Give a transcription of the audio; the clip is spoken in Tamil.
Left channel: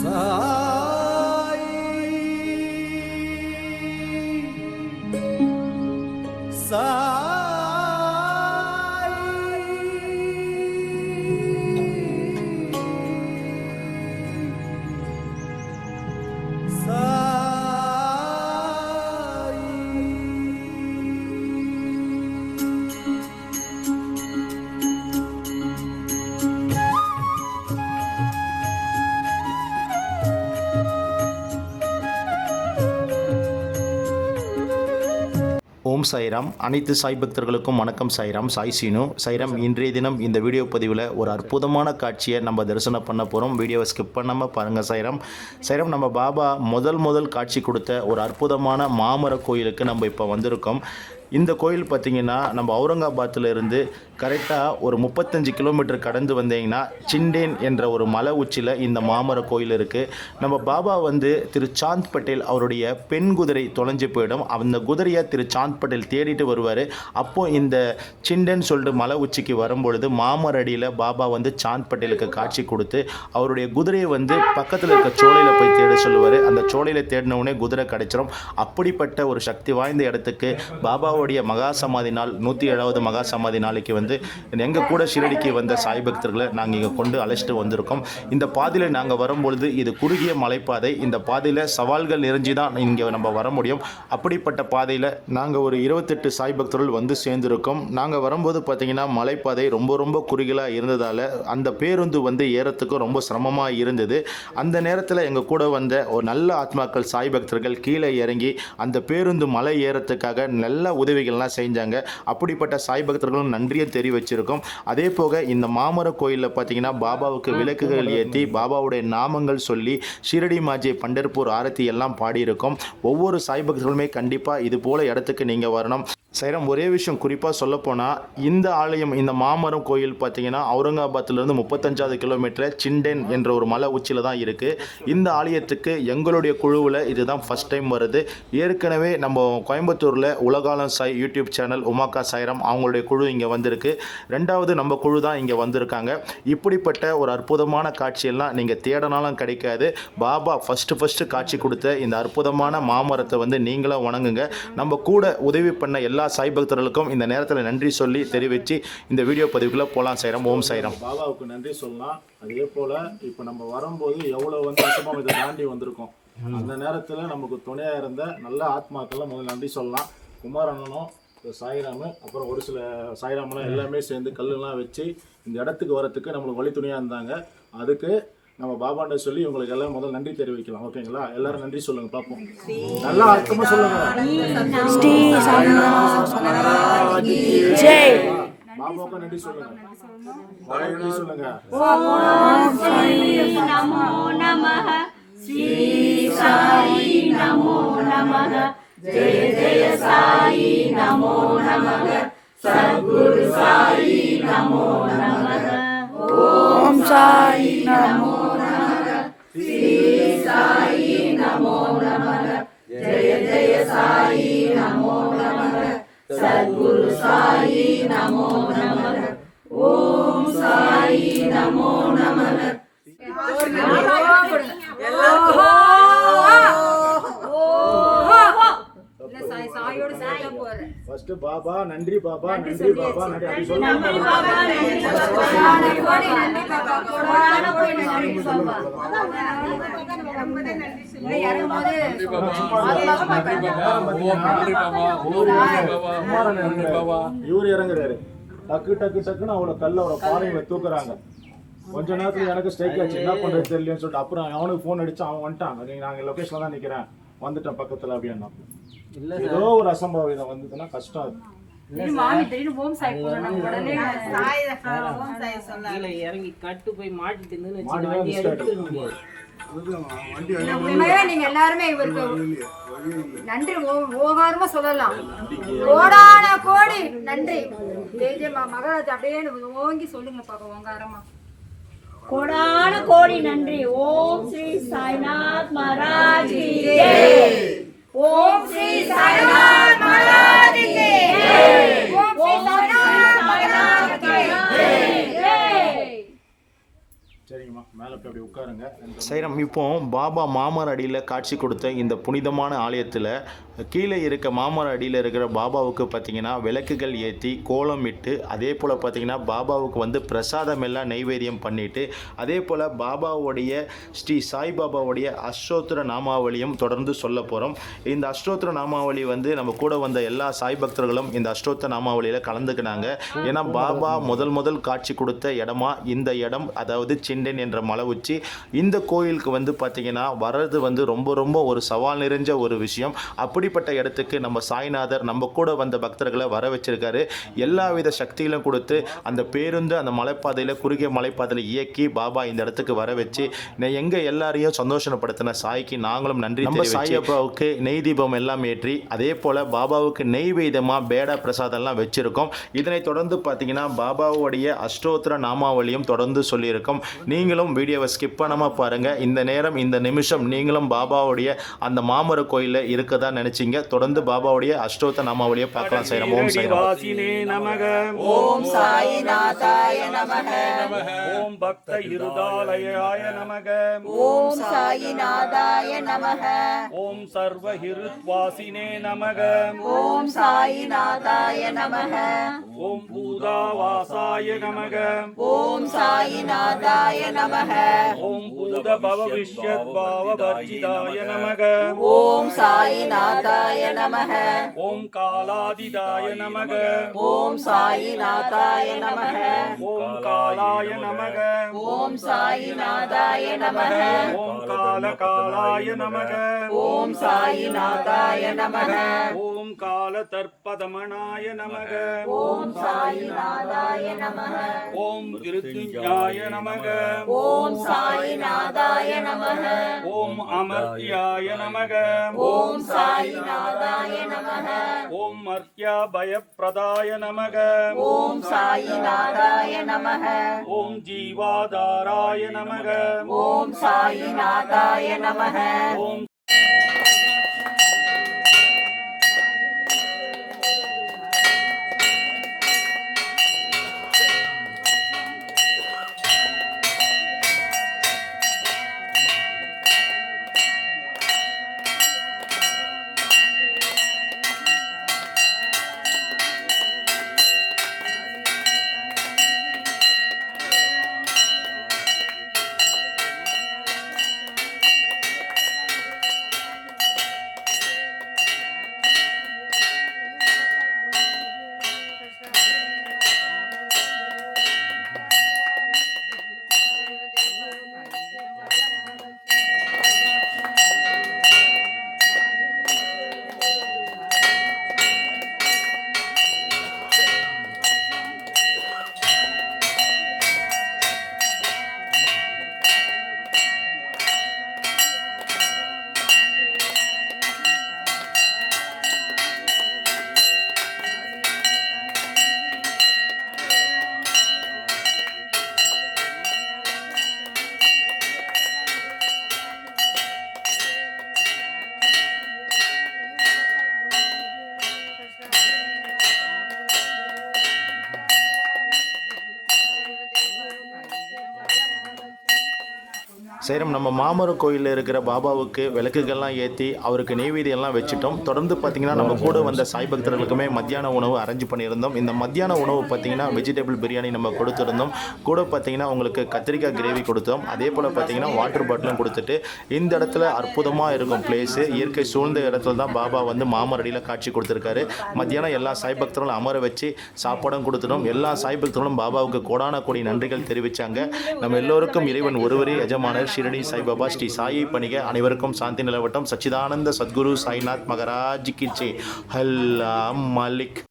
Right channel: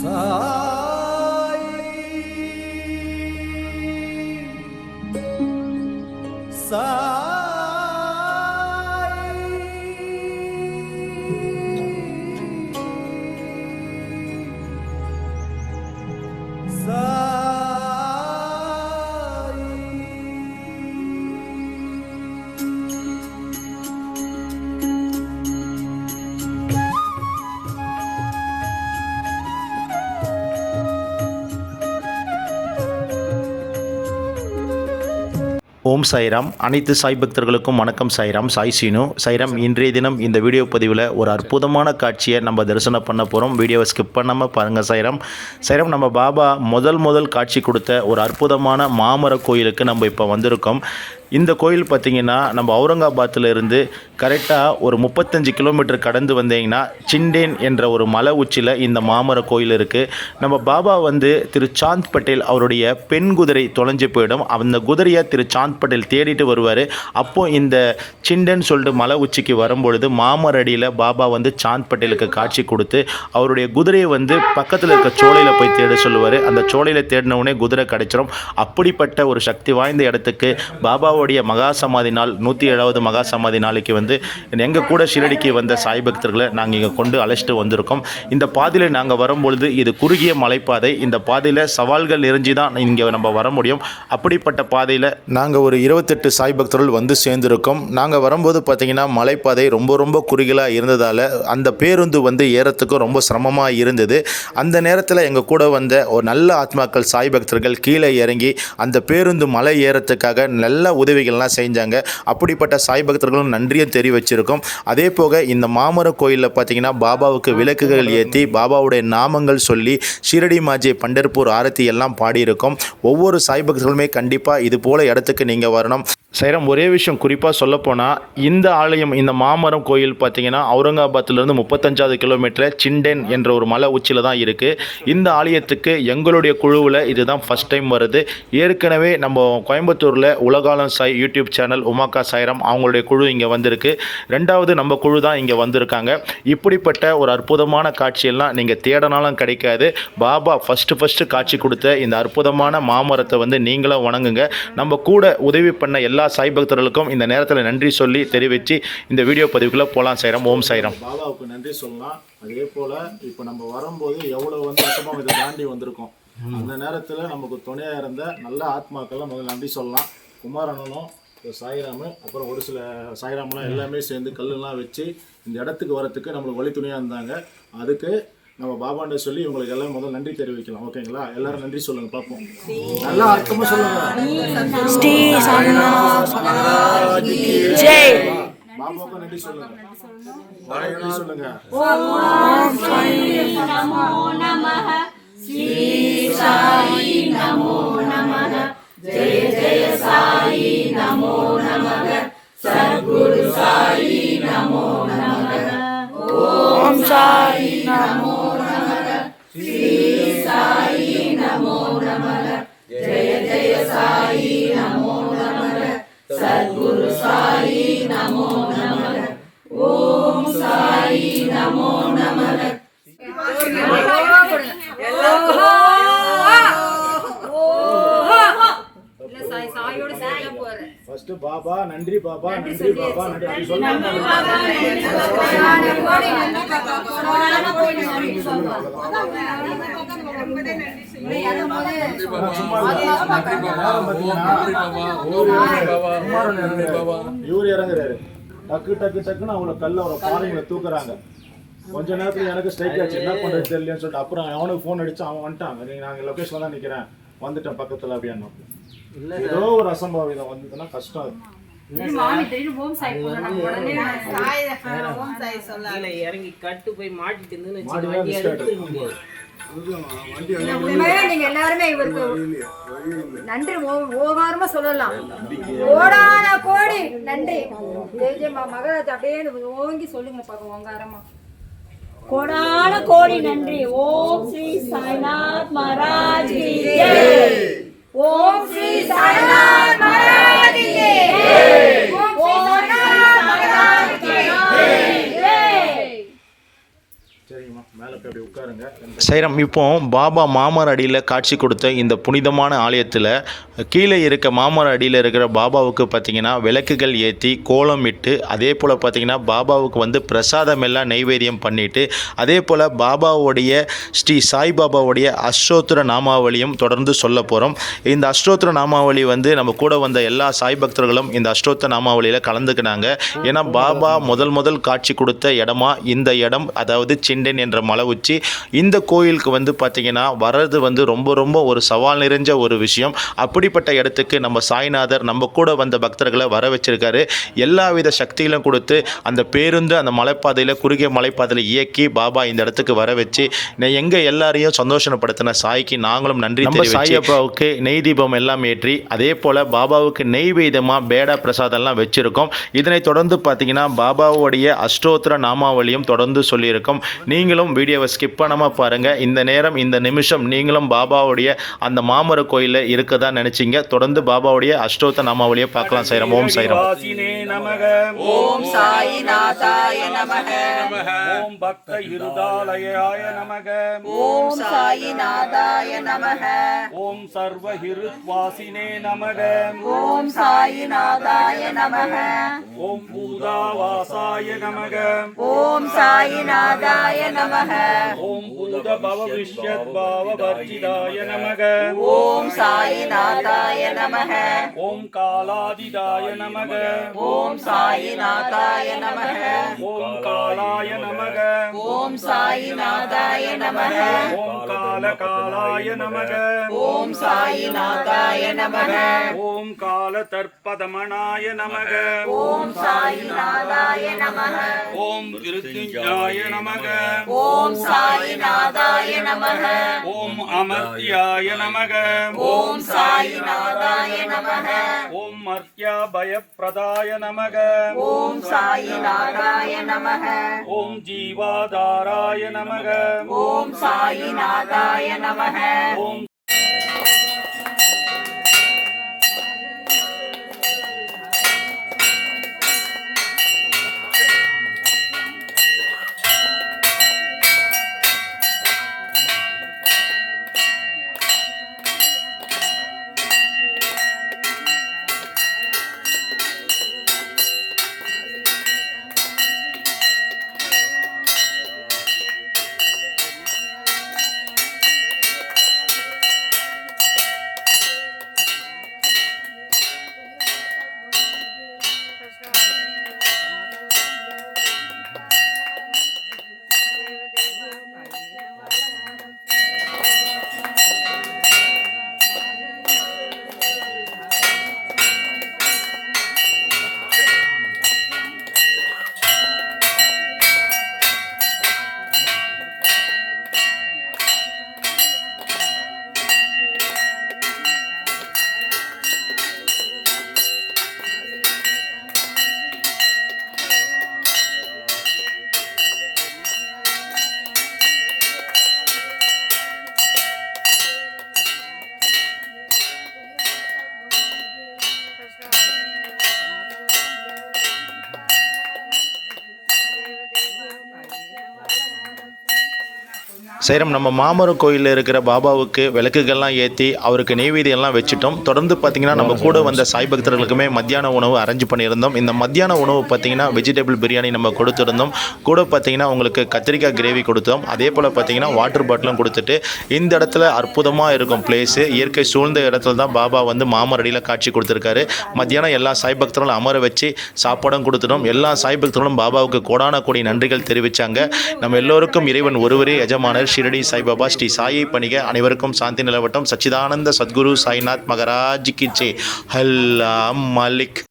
ஓம் சாய்ராம். அனைத்து சாய் பக்தர்களுக்கும் வணக்கம். சாய்ராம், சாய் சீனு. சாய்ராம், இன்றைய தினம் இந்த வீடியோ பதிவில் ஒரு அற்புதமான காட்சியை நம்ம தரிசனம் பண்ண போகிறோம். வீடியோவை ஸ்கிப் பண்ணாமல் பாருங்கள். சாய்ராம், நம்ம பாபா முதல் காட்சி கொடுத்த ஒரு அற்புதமான மாமர கோயிலுக்கு நம்ம இப்போ வந்திருக்கோம். இந்த கோயில் பார்த்திங்கன்னா நம்ம அவுரங்காபாத்தில் இருந்து கரெக்டாக ஒரு 35 கிலோமீட்டர் கடந்து வந்தீங்கன்னா சிண்டேன் என்ற ஒரு மலை உச்சியில் இந்த மாமர கோயில் இருக்குது. நம்ம பாபா திரு சாந்த் பட்டேல் அவருடைய பெண் குதிரை தொலைஞ்சு போயிடும். அந்த குதிரையை திரு சாந்த் பட்டேல் தேடிட்டு வருவார். அப்போது இந்த சிண்டேன் சொல்லிட்டு மலை உச்சிக்கு வரும்பொழுது மாமர அடியில் பாபா சாந்த் பட்டேலுக்கு காட்சி கொடுத்து அவருடைய குதிரையை பக்கத்தில் இருக்க சோலையில் போய் தேட சொல்லுவார். அந்த சோலையில் தேடினவுடனே குதிரை கிடைச்சிடும். அப்படிப்பட்ட ஒரு சக்தி வாய்ந்த இடத்துக்கு பாபாவுடைய மகா சமாதி நாள் 107வது மகா சமாதி நாளைக்கு எங்கள் கூட ஷிரடிக்கு வந்த சாய் பக்தர்களை நாங்கள் இங்கே கொண்டு அழைச்சிட்டு வந்திருக்கோம். இந்த பாதையில் நாங்கள் வரும்பொழுது இது குறுகிய மலைப்பாதை. இந்த பாதையில் சவால்கள் நிறைஞ்சி தான் இங்கே நம்ம வர முடியும். அப்படிப்பட்ட பாதையில் நாங்கள் ஒரு 28 சாய் பக்தர்கள் சேர்ந்துருக்கோம். நாங்கள் வரும்போது பார்த்திங்கன்னா மலைப்பாதை ரொம்ப குறுகலாக இருந்ததால் அந்த பேருந்து ஏறத்துக்கும் ரொம்ப சிரமமாக இருந்தது. அந்த நேரத்தில் எங்கள் கூட வந்த ஒரு நல்ல ஆத்மாக்கள் சாய் பக்தர்கள் கீழே இறங்கி அந்த பேருந்து மலை ஏறத்துக்காக நல்ல உதவிகள்லாம் செஞ்சாங்க. அப்படிப்பட்ட சாய் பக்தர்களும் நன்றியை தெரிவிச்சிருக்கோம். அதே போக இந்த மாமர கோயிலில் பார்த்தீங்கன்னா பாபாவுக்கு விளக்குகள் ஏற்றி பாபாவுடைய நாமங்கள் சொல்லி ஷிரடி மாஜே பண்டர்பூர் ஆரத்தி எல்லாம் பாடியிருக்கோம். ஒவ்வொரு சாய் பக்தர்களுமே கண்டிப்பாக இது போல இடத்துக்கு நீங்கள் வரணும். சைரம், ஒரே விஷயம் குறிப்பாக சொல்லப்போனால் இந்த ஆலயம், இந்த மாமரம் கோயில் பார்த்திங்கன்னா அவுரங்காபாத்திலிருந்து 35 கிலோமீட்டர் சிண்டேன் என்ற ஒரு மலை உச்சியில் தான் இருக்குது. இந்த ஆலயத்துக்கு எங்களுடைய குழுவில் இதுதான் ஃபஸ்ட் டைம் வருது. ஏற்கனவே நம்ம கோயம்புத்தூரில் உலகாலம் சாய் யூடியூப் சேனல் உமாக்கா சாய்ராம் அவங்களுடைய குழு இங்கே வந்திருக்கு. ரெண்டாவது நம்ம குழு தான் இங்கே வந்திருக்காங்க. இப்படிப்பட்ட ஒரு அற்புதமான காட்சியெல்லாம் நீங்கள் தேடனாலும் கிடைக்காது. பாபா ஃபஸ்ட்டு காட்சி கொடுத்த இந்த அற்புதமான மாமரத்தை நீங்களும் வணங்குங்க. நம்ம கூட உதவி பண்ண எல்லா சாய் பக்தர்களுக்கும் இந்த நேரத்தில் நன்றி சொல்லி தெரிவித்து இந்த வீடியோ பதிவுக்குள்ளே போகலாம். சாய்ராம். ஓம் சாய்ராம். பாபாவுக்கு நன்றி சொல்லலாம். அதே போல் இப்போ நம்ம வரும்போது எவ்வளோ வருஷமாக இதை தாண்டி வந்திருக்கோம். அந்த நேரத்தில் நமக்கு துணையாக இருந்த நல்ல ஆத்மாக்கள்லாம் முதல்ல நன்றி சொல்லலாம். குமாரண்ணனும் சாய்ராமு, அப்புறம் ஒரு சில சாய்ராமெலாம் எல்லாமே சேர்ந்து கல்லுலாம் வச்சு இந்த இடத்துக்கு வரத்துக்கு நம்மளுக்கு வழி துணையாக இருந்தாங்க. அதுக்கு நம்ம பாபாண்ட சொல்லி உங்களுக்கு எல்லாம் முதல்ல நன்றி தெரிவிக்கலாம். ஓகேங்களா? எல்லாரும் நன்றி சொல்லுங்க பார்ப்போம். நல்லா அர்த்தமா சொல்லுங்க. பாபாவுக்கு நன்றி சொல்லுங்க. நன்றி சொல்லுங்க. ஓம் சாய் நமோ நமஹ, ஸ்ரீ சாய் நமோ நமஹ, ஜெய ஜெய சாய் நமோ நமஹ, சத்குரு சாய் நமோ நமஹ. ஓம் சாய் நமோ நமஹ, ஸ்ரீ சாய் நமோ நமஹ, ஜெய ஜெய சாய் நமோ நமஹ, சத்குரு சாய் நமோ நமஹ. ஓம் சாய் நமோ நமஹ. ஃபர்ஸ்ட் பாபா நன்றி, பாபா நன்றி, பாபா நன்றி சொல்லுங்க. இவரு இறங்குறாரு. டக்குன்னு அவளை கல்ல அவரை பாறைகளை தூக்குறாங்க. கொஞ்ச நேரத்தில் எனக்கு ஸ்ட்ரைக் ஆச்சு. என்ன பண்ணுறது தெரியலன்னு சொல்லிட்டு அப்புறம் அவனுக்கு ஃபோன் அடிச்சு அவன் வந்துட்டான். நாங்கள் லொக்கேஷனில் தான் நிற்கிறேன், வந்துட்டேன் பக்கத்தில் அப்படின்னா. ஏதோ ஒரு அசம்பாவிதம் வந்ததுன்னா கஷ்டம். இறங்கி கட்டு போய் மாட்டிட்டு நீங்க எல்லாருமே இவருக்கு நன்றி ஓகாரமா சொல்லலாம். கோடான கோடி நன்றி. மகராஜ் அப்படியே ஓங்கி சொல்லுங்க பாக்க ஓங்காரமா. கோடான கோடி நன்றி. ஓம் ஸ்ரீ சாய்நாத் மகாராஜ் கி ஜெய். ஓம் ஸ்ரீ சாய்நாத் மகாராஜ் கி ஜெய். ஓம் சாய்நாத் மகாராஜ் கி ஜெய். சரிங்கம்மா, மேலே பார்த்து அப்படி உட்காருங்க. சைரம், இப்போ பாபா மாமர அடியில் காட்சி கொடுத்த இந்த புனிதமான ஆலயத்தில் கீழே இருக்க மாமர அடியில் இருக்கிற பாபாவுக்கு பார்த்திங்கன்னா விளக்குகள் ஏற்றி கோலம் இட்டு, அதே போல் பார்த்திங்கன்னா பாபாவுக்கு வந்து பிரசாதம் எல்லாம் நைவேத்தியம் பண்ணிவிட்டு, அதே போல் பாபாவுடைய ஸ்ரீ சாய்பாபாவுடைய அஷ்டோத்திர நாமாவளியும் தொடர்ந்து சொல்ல போகிறோம். இந்த அஷ்டோத்திர நாமாவளி வந்து நம்ம கூட வந்த எல்லா சாய் பக்தர்களும் இந்த அஷ்டோத்திர நாமாவளியில் கலந்துக்கினாங்க. ஏன்னா பாபா முதல் காட்சி கொடுத்த இடமா இந்த இடம், அதாவது சிண்டன் என்ற மலை உச்சி. இந்த கோயிலுக்கு வந்து பார்த்திங்கன்னா வர்றது வந்து ரொம்ப ஒரு சவால் நிறைஞ்ச ஒரு விஷயம். அப்படிப்பட்ட இடத்துக்கு நம்ம சாய்நாதர் நம்ம கூட வந்த பக்தர்களை வர வச்சிருக்காரு. எல்லா வித சக்திகளும் கொடுத்து அந்த பேருந்து அந்த மலைப்பாதையில், குறுகிய மலைப்பாதையில் இயக்கி பாபா இந்த இடத்துக்கு வர வச்சு எங்கள் எல்லாரையும் சந்தோஷப்படுத்தின சாய்க்கு நாங்களும் நன்றி தெரிவித்து, சாய்பாபாவுக்கு நெய் தீபம் எல்லாம் ஏற்றி, அதே போல் பாபாவுக்கு நெய்வேதமாக பேடா பிரசாதம்லாம் வச்சுருக்கோம். இதனை தொடர்ந்து பார்த்தீங்கன்னா பாபாவுடைய அஷ்டோத்திர நாமாவளியும் தொடர்ந்து சொல்லியிருக்கோம். நீங்களும் வீடியோவை ஸ்கிப் பண்ணாமல் பாருங்கள். இந்த நேரம் இந்த நிமிஷம் நீங்களும் பாபாவுடைய அந்த மாமர கோயிலில் இருக்கதா நினச்சிங்க. தொடர்ந்து பாபாவுடைய அஷ்டோத்திர நாமாவளியை பார்க்கலாம். சைரம். ஓம் சைரம். ஓம் சாயிநாதாய நமக. ஓம் பக்த ஹிருதாலயாய நமக. ஓம் சாயிநாதாய நமக. ஓம் சர்வ ஹிருத்வாசினே நமக. ஓம் சாயிநாதாய நமக. ஓம் பூதாவாசாய நமக. ஓம் சாயிநாதாய நமக. ஓம் பூத பவ விஷ்யத் பாவ வர்ஜிதாய நமக. ஓம் சாயிநாதாய நமக. ஓம் காலாதிதாய நமக. ஓம் சாயிநாதாய நமக. ஓம் காலாய நமக. ஓம் சாயிநாதாய நமக. ஓம் காலாய நமக. ஓம் சாயிநாதாய நமக. ஓம் கால தர்ப்பதமனாய நமக. ஓம் சாயிநாதாய நமக. ஓம் மிருத்யுஞ்சயாய நமக. ஓம் சாயிநாதாய நமக. ஓம் அமர்த்தியாய நமக. ஓம் சாயிநாதாய நமக. ஓம் மர்த்யா பயப்பிரதாய நமக. ஓம் சாயிநாதாய நமக. ஓம் ஜீவாதாராய நமக. ஓம் சாயிநாதாய நமக. ஓம் சைரம், நம்ம மாமர கோயிலில் இருக்கிற பாபாவுக்கு விளக்குகள்லாம் ஏற்றி அவருக்கு நெய்வேதியெல்லாம் வச்சுட்டோம். தொடர்ந்து பார்த்திங்கன்னா நம்ம கூட வந்த சாய் பக்தர்களுக்குமே மத்தியான உணவு அரேஞ்ச் பண்ணியிருந்தோம். இந்த மத்தியான உணவு பார்த்திங்கன்னா வெஜிடபிள் பிரியாணி நம்ம கொடுத்துருந்தோம். கூட பார்த்திங்கன்னா உங்களுக்கு கத்திரிக்காய் கிரேவி கொடுத்தோம். அதே போல் பார்த்திங்கன்னா வாட்டர் பாட்டிலும் கொடுத்துட்டு, இந்த இடத்துல அற்புதமாக இருக்கும் பிளேஸு, இயற்கை சூழ்ந்த இடத்துல தான் பாபா வந்து மாமரடியில் காட்சி கொடுத்துருக்காரு. மத்தியானம் எல்லா சாய் பக்தர்களும் அமர வச்சு சாப்பாடும் கொடுத்துட்டோம். எல்லா சாய் பக்தர்களும் பாபாவுக்கு கோடான கோடி நன்றிகள் தெரிவித்தாங்க. நம்ம எல்லோருக்கும் இறைவன் ஒருவரே எஜமானர் ஷிரடி சாய்பாபா ஸ்ரீ சாயை பணிக. அனைவருக்கும் சாந்தி நிலவட்டும். சச்சிதானந்த சத்குரு சாய்நாத் மகராஜ் கி ஜெய். அல்லாஹ் மலிக்.